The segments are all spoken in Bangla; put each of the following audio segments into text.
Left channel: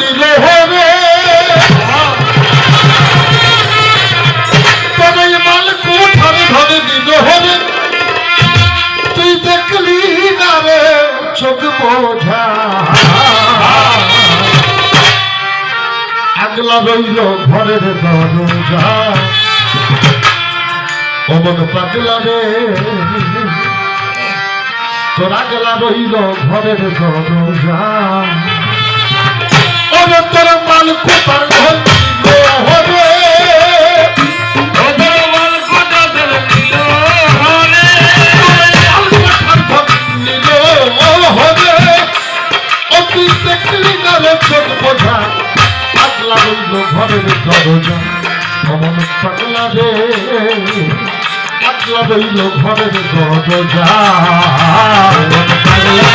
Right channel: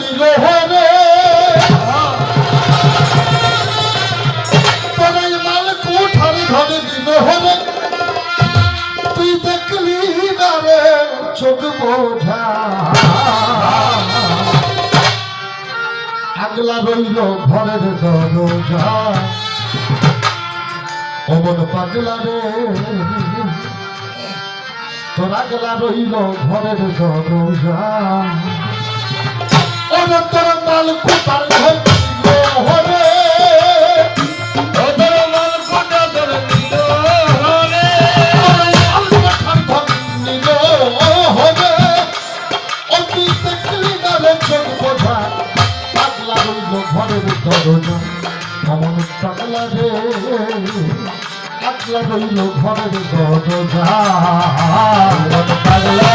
দিল রে তুই দেখলি না রে চোখ বোঝা আগলা রইল ঘরের দরজা অমন পাগলা রে তোর আগলা রইল ঘরের দরজা। রইল ঘরের দরজা পাগলা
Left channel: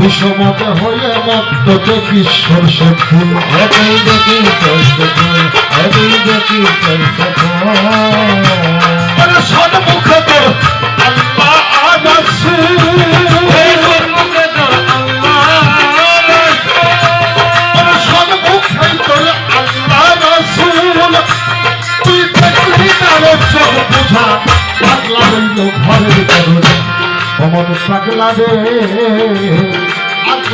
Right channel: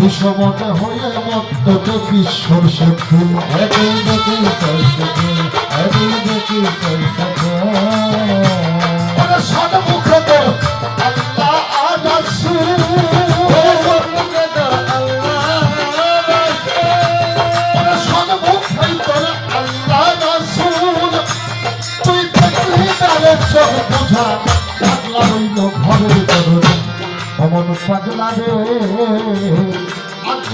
বিষমতে হয়ে মত্ত দেখি সরষে ফুল এতই দেখি সরষে ফুল এতই দেখি সরষে ফুল আরে সদ মুখে তোর আল্লাহ অমন পাগলা রে।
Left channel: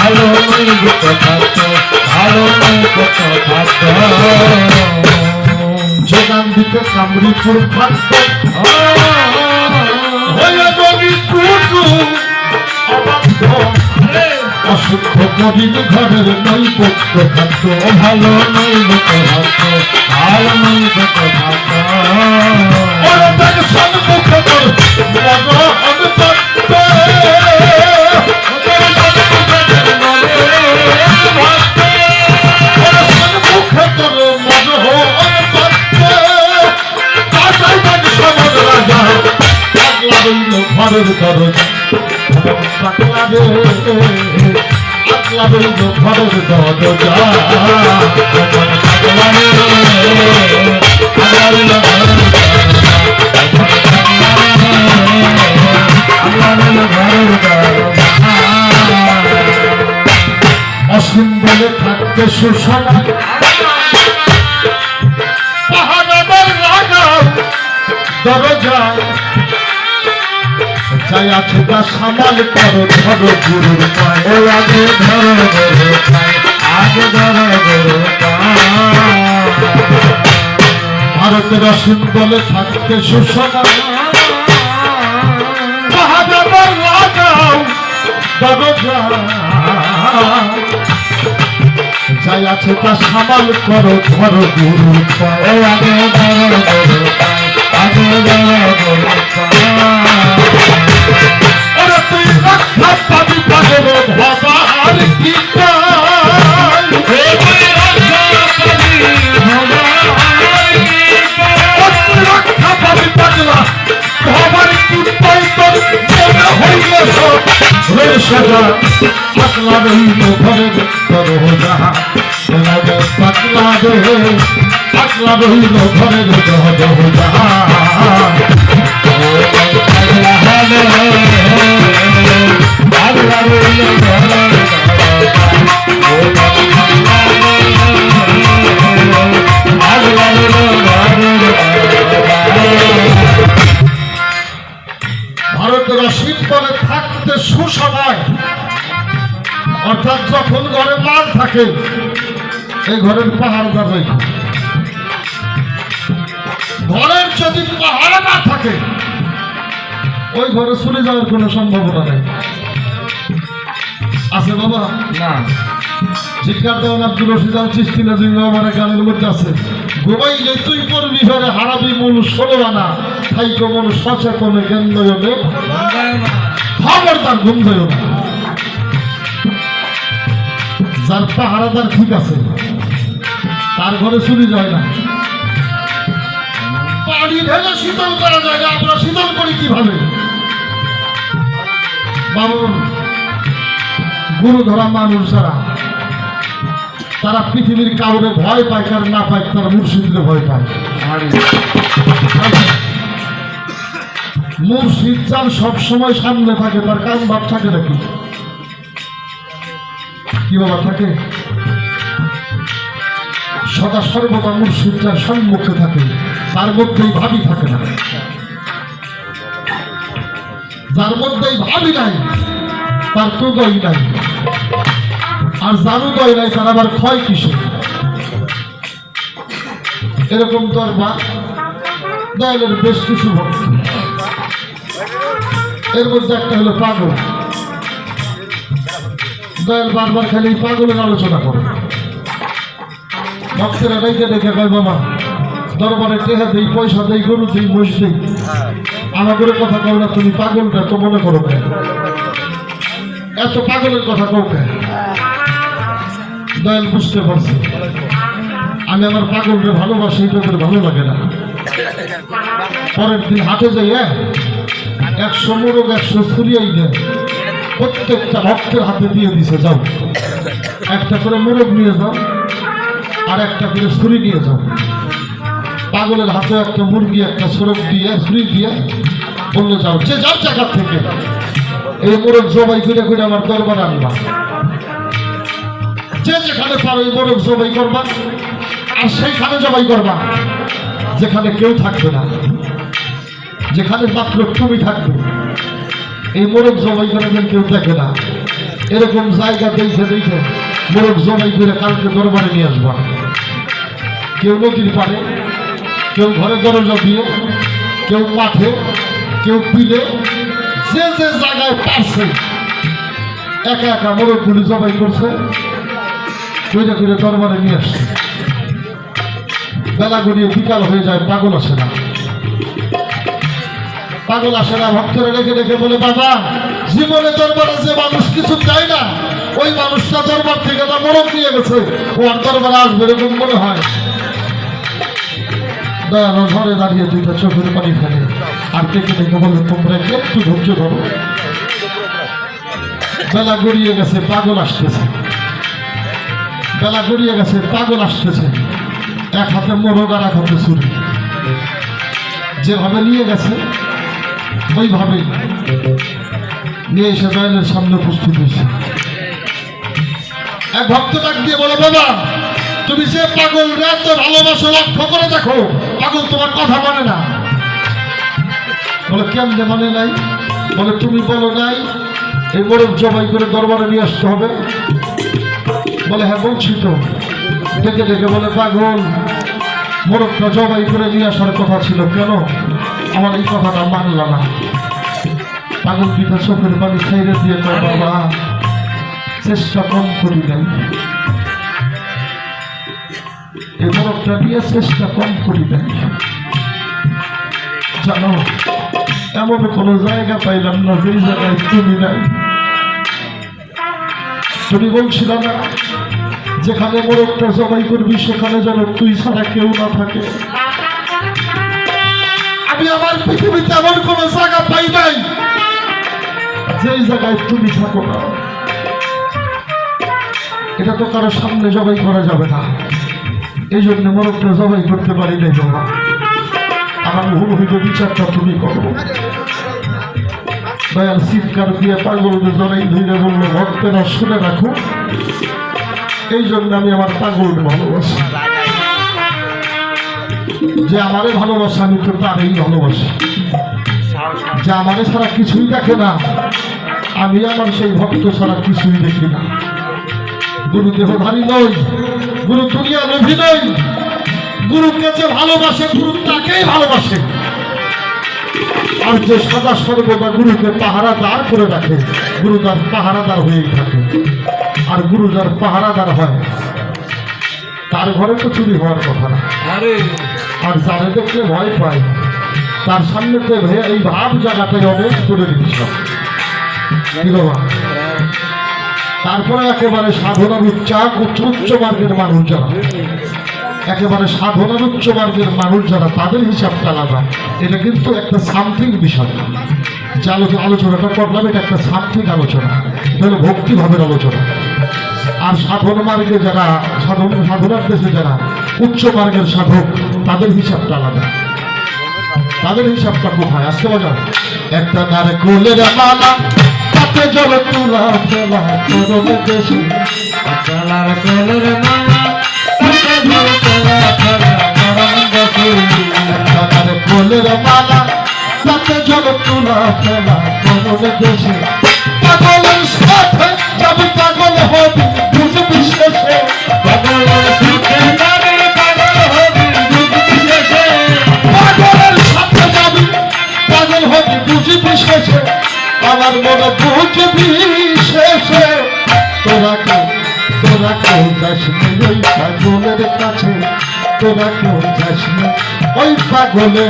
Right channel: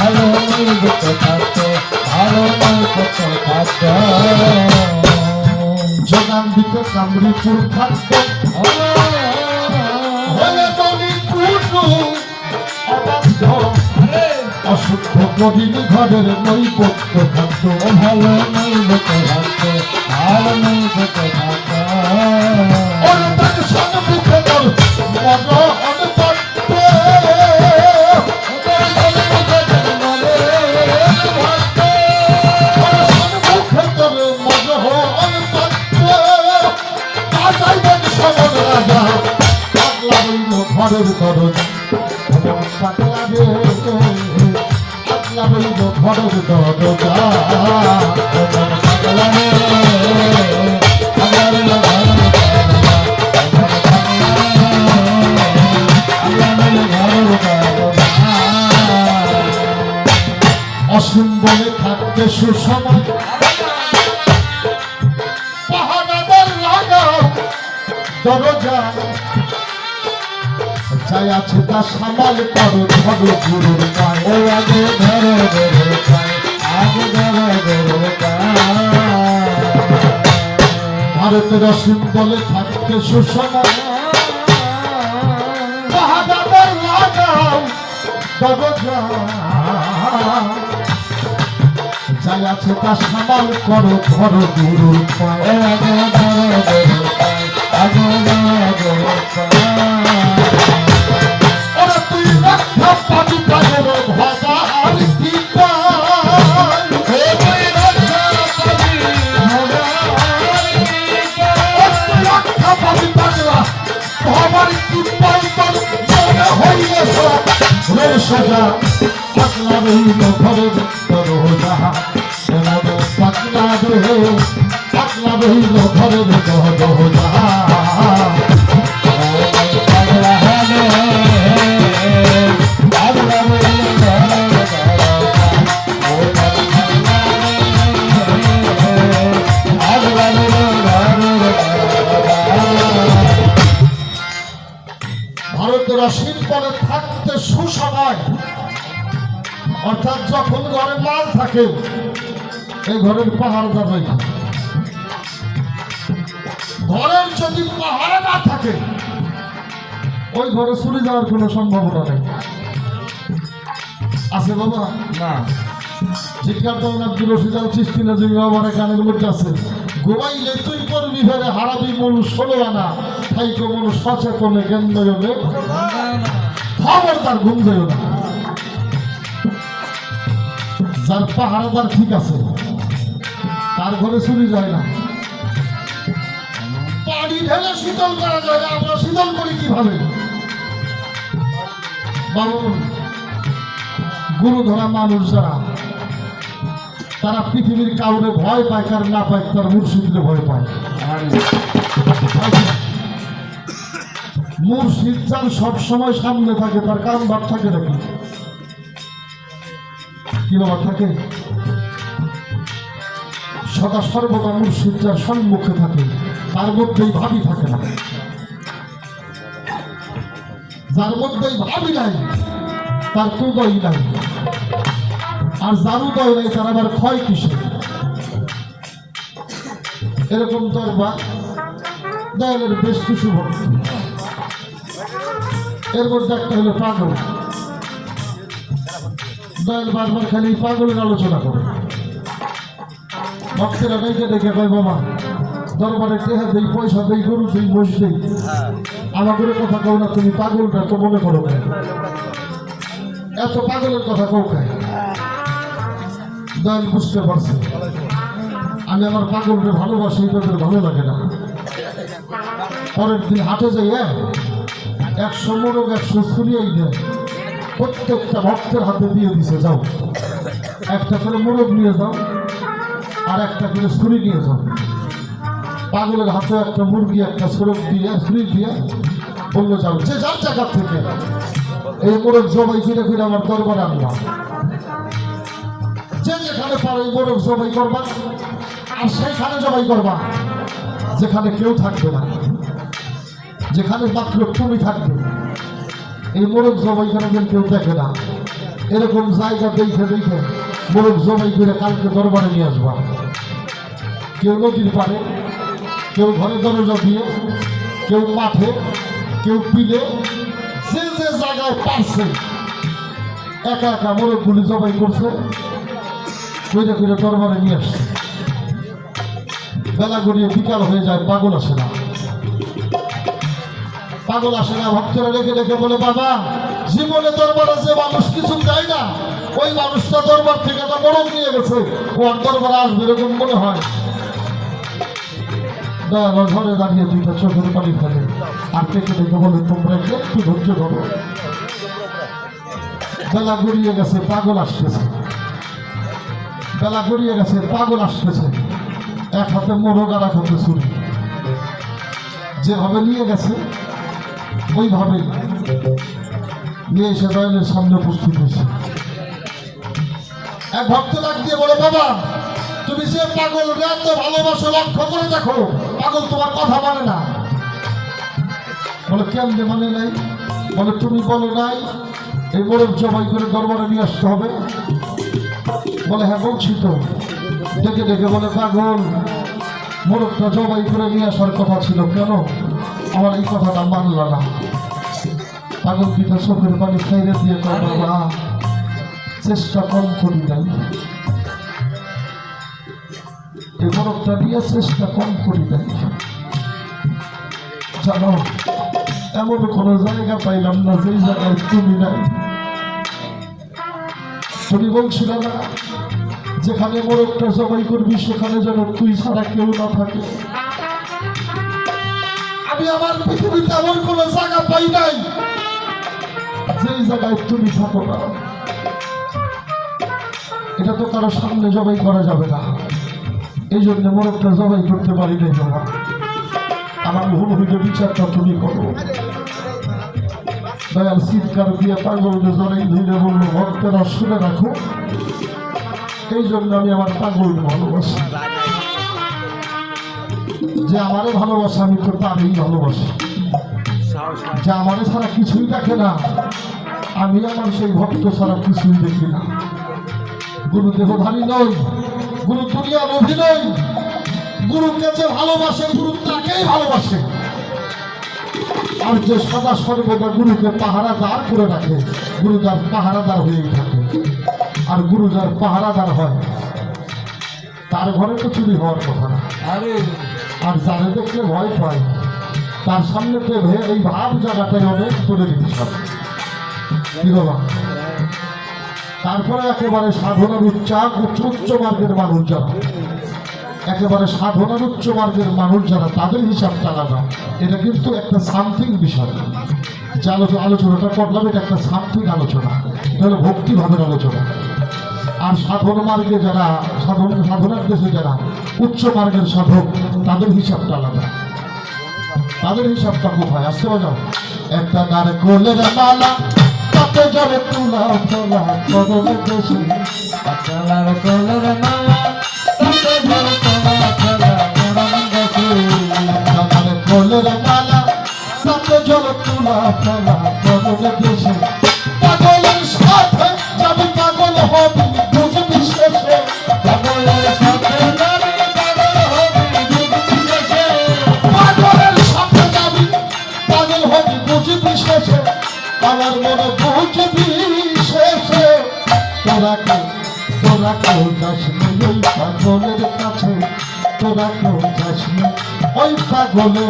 ভালো খাদ্য ভালো খাদ্য যোগান দিতে কামরিপুর খাদ্য অশুদ্ধ কবির ঘরের নৈবত্য খাদ্য ভালো নৈবত্য খাদ্য ভালো নৈবত্য খাদ্য ওরে থাকতে সুষমা দরজায় যাই আছে তা সামাল করো ধরো গুরুর পায়ে। আগে ধরো গুরুর পায়ে আগে ধরো পায়ে। ভারতের অসুন্দরে থাকতে সুষমা যাই আছে তা সামাল করো ধরো গুরুর পায়ে কথা বলিল ঘরে থাকতে সুসময় অর্থাৎ যখন ঘরে মাছ থাকে এই ঘরের পাহাড় যাবে। ঘরের যদি পাহাড় না থাকে ওই ঘরে চলে যাওয়ার কোনো সম্ভাবনা নেই। আছে বাবা? না। দেওয়ান আব্দুল রশিদ আল চিস্তি নাজিম আমার গানের মধ্যে আছে। গোবাইলে তুই করবি ফেরে হারাবি মন ষোলো আনা। খাইকো মন সচেতনে কেন্দ্র হলে খবরদার ঘুম যায় না যার পাহারাদার ঠিক আছে তার ঘরে চুরি যায় না। পানি ঢেলে শীতল করা যায় না আমরা শীতল করি কীভাবে? বাবুর গুরু ধরা মানুষ যারা, তারা পৃথিবীর কাউরে ভয় পায় কার না পায়, তার মুর্শিদকে ভয় পায়। মুর্শিদ যার সবসময় সামনে থাকে, তার কারণ ভাব থাকে নাকি? কি বাবা থাকে? সদা সর্বদা মুর্শিদ যার সম্মুখে থাকে। তার মধ্যেই ভাবি থাকে না। যার মধ্যেই ভাবি নাই, তার গই নাই। আর যার গই নাই, তার আবার ক্ষয় কিসে এরকম দরবার দয়ালের বেশ কিছু ভক্ত। এর মধ্যে একটা হলো পাগল। দয়াল বারবার খালি পাগলের আলোচনা করে। ভক্তেরা ডেকে ডেকে কয়, বাবা দরবারে টেহা দেই, পয়সা দেই, গরু দেই দেই। আমাদের কথা কবে না, তুমি পাগলটা তো মনে করো কেন? এত পাগলের কথা কও কেন? দয়াল বুঝতে পারছি। আমি আমার পাগলকে ভালোবাসি, এটা ভালো লাগে না। পরের দিন হাটে যাই হ্যাঁ একশো মোরগ, একশো ছুরিয়াই দেয় প্রত্যেকটা ভক্তের হাতে দিয়ে দিছে, যাও। একটা করে মোরগ নিয়ে যাও, আর একটা করে ছুরি নিয়ে যাও। পাগলের হাতে একটা মুরগি, একটা সড়ক দিয়ে ছুরি দিয়ে বলল, যাও, যে যার জায়গা থেকে। এই মোরগ জবাই করে করে আমার দরবারে আনলাম যে যেখানে পারো এই মোরগ জবাই করবা, আর সেইখানে জবাই করবা, যেখানে কেউ থাকবে না। যেখানে মাত্র তুমি থাকবে, এই মোরগ জবাই করে কেউ দেখে না। এরকম জায়গা দেখে দেখে মোরগ জবাই করে কালকে দরবারে নিয়ে আসবা। কেউ নদীর পাড়ে কেউ ঘরে দরজা দিয়ে কেউ মাঠে, কেউ পিলে যে যে জায়গায় পারছে, একা একা মোরগগুলি জবাই করছে, কইরে কইরে দরবারে নিয়ে আসছে। বেলা গড়িয়ে বিকাল হয়ে যায়, পাগল আসে না। পাগল আসে না ভক্তরা রেখে রেখে বলে, বাবা, জীবনে দরবারে যে মানুষ কিছু চায় না, ওই মানুষটা দরবার থেকে না মরম নিয়ে গেছে। ও আর দরবারে আসবে এরকম মনে হয়। দয়ালো ঘরে দাঁড়িয়ে দুইটা চোখের পানি ফেলে। আর ডেকে ডেকে বলে, তোমরা একটু ধৈর্য ধরো। বেলা গড়িয়ে গেছে, পাগল আসতেছে। বেলা গড়িয়ে গেছে, পাগল আসতেছে। এক হাতে মোরগ আর এক হাতে ছুরি। যেভাবে নিয়ে গেছে ওইভাবেই নিয়ে এসে দয়ালের সামনে উপস্থিত হয়েছে। এক ভক্ত ডাক দিয়ে বলো, বাবা, তুমি যে পাগল এত ভালোবাসো, লক্ষ্য করে দেখো। পাগল তোমার কথা মানে না। বলে, কেমনে মানে নাই? বলে, তুমি বলো নাই, এই মোরগ জবাই করে দরবারে নিয়ে আসতে হবে। বলে হ্যাঁ বলছি তো। ডেকে ডেকে বলে, পাগল মোরগটা জবাই করে নিয়ে আসার কথা ছিল কেন? আমার এই কথাটা মানল না। পাগল পিঠা চোখের পানি খাইরে দিয়ে বাবা, চেষ্টা কম করি নাই। মোরগটা নিয়ে চেষ্টা কম করি নাই জানো, এমন কোনো জায়গা পাইলাম না যেই জায়গায় তুমি নাই। তুমি বলছিল না, যেখানে মোরগটা জবাই করবি, সেখানে যেন তুই ছাড়া কেউ না থাকে। আমি আমার পৃথিবীতে এমন কোনো জায়গা পাই নাই যেই জায়গায় তুমি থাকো না। এটা তো কারও সামনে জবাই করা যাবে না। এই জন্য মোরগটা জবাই করতে পারি নাই, বাবা। আমার ভুল হইলে বিচারটা তুমি করো। দয়াল চিৎকার দিয়ে পাগলকে জড়াই ধরে বলল, ভক্তেরা শুনে রাখো। এই জন্য আমি আমার পাগলকে ভালোবাসি। যে আমারে ভালোবাসে, আমি তো তারই ভালোবাসি। যে আমারে ছাড়া কিছুই দেখে না, আমি আমার সেই ভক্ত ছাড়া কিছুই দেখি না। গুরু দেহধারী নয়। গুরু দুনিয়া নভি নয় গুরুকে যে ভালোবাসে গুরু তাকেই ভালোবাসে। আর যে সদা সর্বদা গুরুকে পাহারাদার করে রাখে গুরু তার পাহারাদার হয়েই থাকে। আর গুরু যার পাহারাদার হয় তার ঘরে তো চুরি হওয়ার কথা না। আরে। আর যারে দেখলে ভয় পায় তার সামনে এই ভাব জায়গাটাই অনেক করে বিষয়। তারপরে একেবারে সাধনার উচ্চাক উচ্চ উচ্চ মার্গের মানুষ যারা। একেবারে সাধনার উচ্চ মার্গের মানুষ যারা, তাদের হিসাবটা আলাদা। এটা কিন্তু একটা সামথিং বিষয়। যে আলোচনা আলোচনাটা করলাম, এটা একটা সামথিং আলোচনা। হলো ভক্তিভাবের আলোচনা। আর সাধন মার্গে যারা, সাধন সাধনার দেশে যারা উচ্চ মার্গের সাধক, তাদের হিসাবটা আলাদা। তাদের হিসাবটা কোথায়? আসতে বাজাও একটা নারে কোলের মালা তাতে জলে তুলা ফেলা করলে দেশে চলার কলর মালা ভালো চলা চলা গরম দেখি। একটা নারে কোলের মালা, তাতে জলে তুলা ফেলা করলে দেশে নি।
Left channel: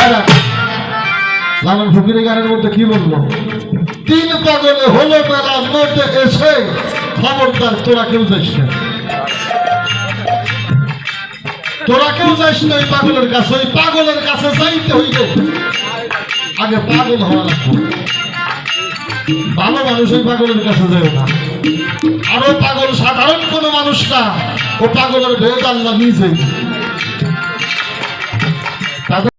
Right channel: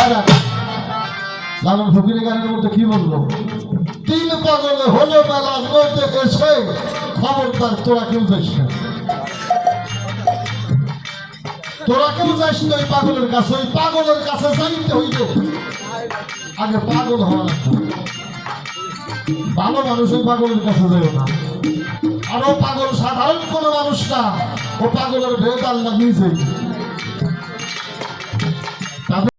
আর লালন ফকিরের গানের মধ্যে কি বলব তিন পাগলে হলো মেলা মধ্যে এসে খবরদার তোরা কেউ যাস না তোরা কেউ যাস না ওই পাগলের কাছে, ওই পাগলের কাছে যাইতে হইতে আগে পাগল হওয়া লাগবে। ভালো মানুষ ওই পাগলের কাছে যাবে না। আরও পাগল সাধারণ কোনো মানুষ না। ও পাগলের ভেদ আল্লাহ নিজে।